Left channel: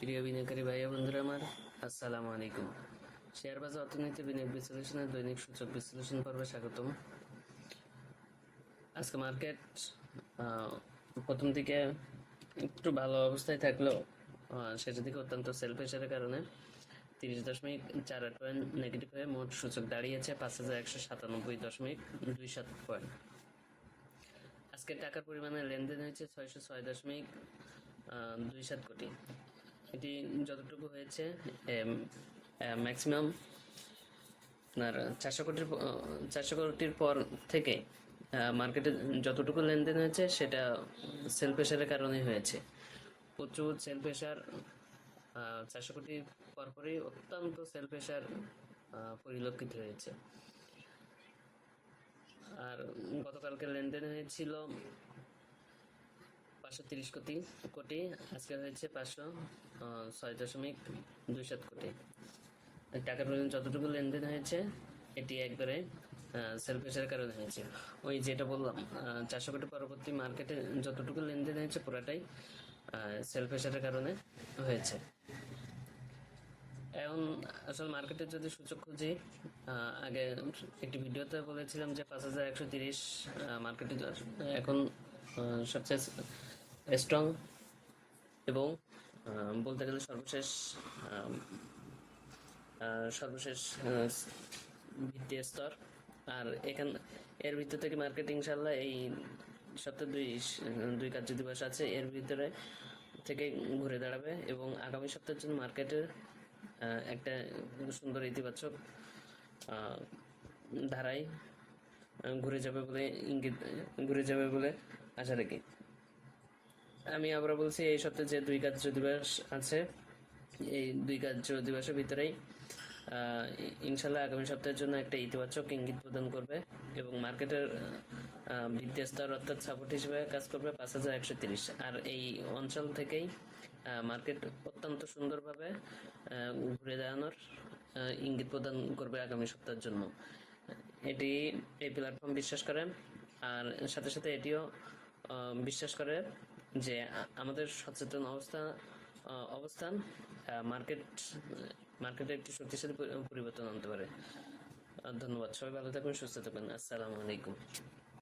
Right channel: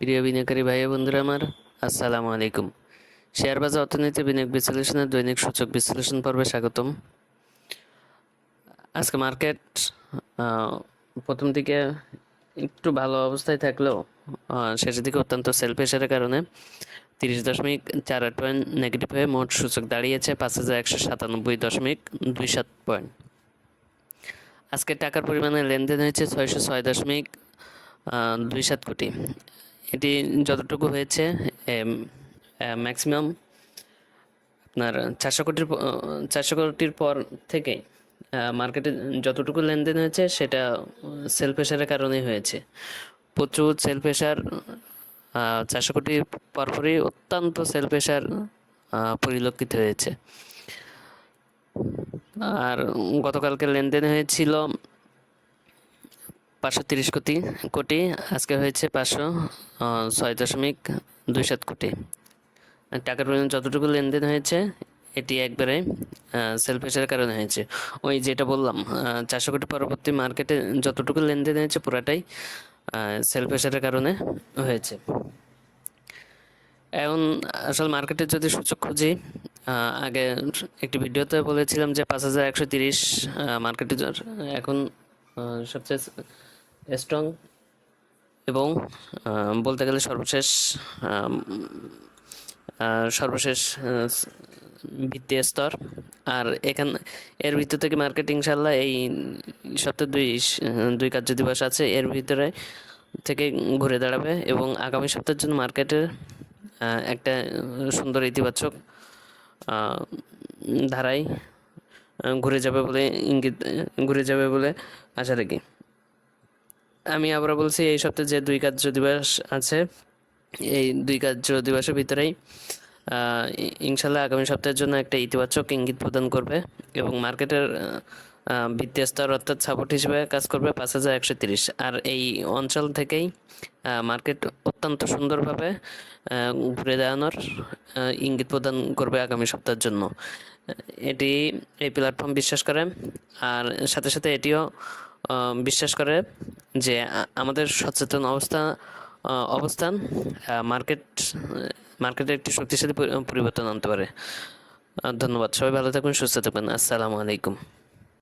প্রিয় বিনিয়োগকারী ভাই বন্ধুরা আমার, আসসালামু আলাইকুম। শেয়ার বাজার, অর্থনীতি, বিনিয়োগ বিশ্লেষণের দৈনিক সূচক বিশ্লেষণ পর্বে স্বাগতম। আজকে মার্কেট প্রথম দিকে একটু ভালো অবস্থায় থাকলেও শেষের দিকে অত্যন্ত সেল প্রেশারের কারণে তিরিশ দশমিক চার আট পয়েন্ট নেগেটিভ হয়ে মোট সূচক দাঁড়িয়েছে পাঁচ হাজার একশো সাতানব্বই দশমিক দুই সাত পয়েন্ট। আজকে টাকার পরিমাণে লেনদেন হয়েছে ছয়শো ছয় দশমিক দুই সাত কোটি। এটি যতটুকু হয়েছে ম্যাক্সিমাম আপনার চারশো কোটির চারশো কোটির পর থেকে মার্কেটে যতটুকু লেনদেন হয়েছে, সেটা সেল প্রেশারের কারণেই হয়েছে। প্রচুর সেল প্রেশার চারশো কোটির পরপরই অত্যন্ত সেল প্রেশার পরিলক্ষিত হয়েছে। আর গতকালকে লেনদেন হয়েছিল পাঁচশো তিরিশ কোটি কোটি, আজকে হয়েছে পাঁচশো ছয় দশমিক দুই সাত কোটি। টাকার পরিমাণ যতটুকু লেনদেন হয়েছে, এটি একবারে সেল প্রেশারের কারণে হয়েছে। ওই যেটা বললাম চারশো কোটি পরবর্তী মার্কেটে যতটুকু লেনদেন হয়েছে, পুরাটাই সেল প্রেশারের কারণে হয়েছে। এখন আসলে মার্কেটে যদি সূচক খুঁজি আগে একটি ভিডিওতে বলেছিলাম যে পাঁচ হাজার একশো তিরিশ মার্কেটে এখন সবচেয়ে স্ট্রং এবং বলতে গেলে সর্বশেষ সর্বশেষ আহ, ভিত্তির স্তর। আর এখান এর ভিতর থেকে মার্কেট ইনশাল্লাহ এই সপ্তাহে দুই দুই কার্য দিবস আছে। এর ভিতরে থেকে ঘুরে দাঁড়াবে এবং আগামী সপ্তাহের জন্য মার্কেটের একটা সুন্দর ইতিবাচক ধারায় ঘুরে যাবে বলে ইঙ্গিত ঘুরে যাবে বলে আশা রাখি। আমি আবার বলছি, এই সপ্তাহে যে দুই কার্য দিবস আছে, এই দুই কার্য দিবসের ভিতরেই ইনশাল্লাহ আগামী সপ্তাহের জন্য একটা ইতিবাচক ইঙ্গিত প্রদান করবে এবং মার্কেটের ভিত্তি স্তর অর্থাৎ সাপোর্ট হিসেবে কাজ করবে পাঁচ হাজার একশো তিরিশ। আর এই অঞ্চল থেকেই মার্কেট অত্যন্ত সুন্দরভাবে ঘুরে দাঁড়ানোর ইঙ্গিত প্রদান করবে আগামী সপ্তাহের জন্য। এটি এই প্ল্যাটফর্ম বিশ্বাস করে, আর সাথে সাথে এটিও বিশ্বাস করে যে আমাদের সচেতন অবস্থা অবস্থান মার্কেট মার্কেটে একটি শক্তিশালী পরিবর্তন আনতে পারে। ধন্যবাদ। সবাই ভালো থাকুন, সুস্থ থাকবেন আসসালামু আলাইকুম।